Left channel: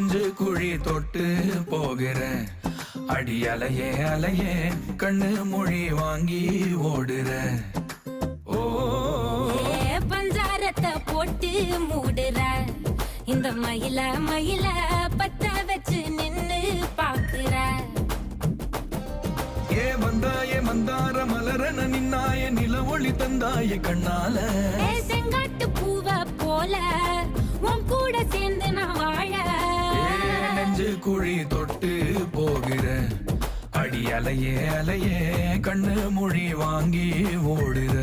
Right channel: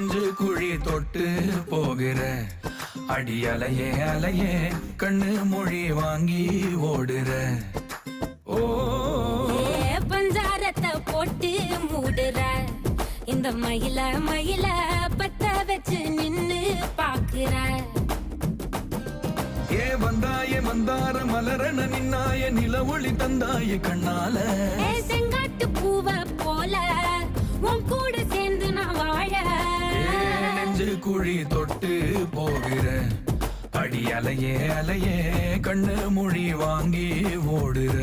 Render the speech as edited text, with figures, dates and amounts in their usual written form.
நெஞ்சு குழி தொட்டு போகிற அடி அலையே அலையே கண்ணு மொழி வாங்கி ஓடுற. ஓ பஞ்சாரத்தை போட்டு மூடுற இந்த மயில மயில பத்த வச்சு நின்னு பாக்குற. ஏ வந்தாயே மந்தார மலரன நின்னாய நில ஒளி தந்தாய கண்ணால. செங்காட்டு பூவ போல உன் கூட சேர்ந்து நான் வாழ. நெஞ்சு குழி தொட்டு போகிற அடி அலையே அலையே கண்ணு மொழி வாங்கி ஓடுற.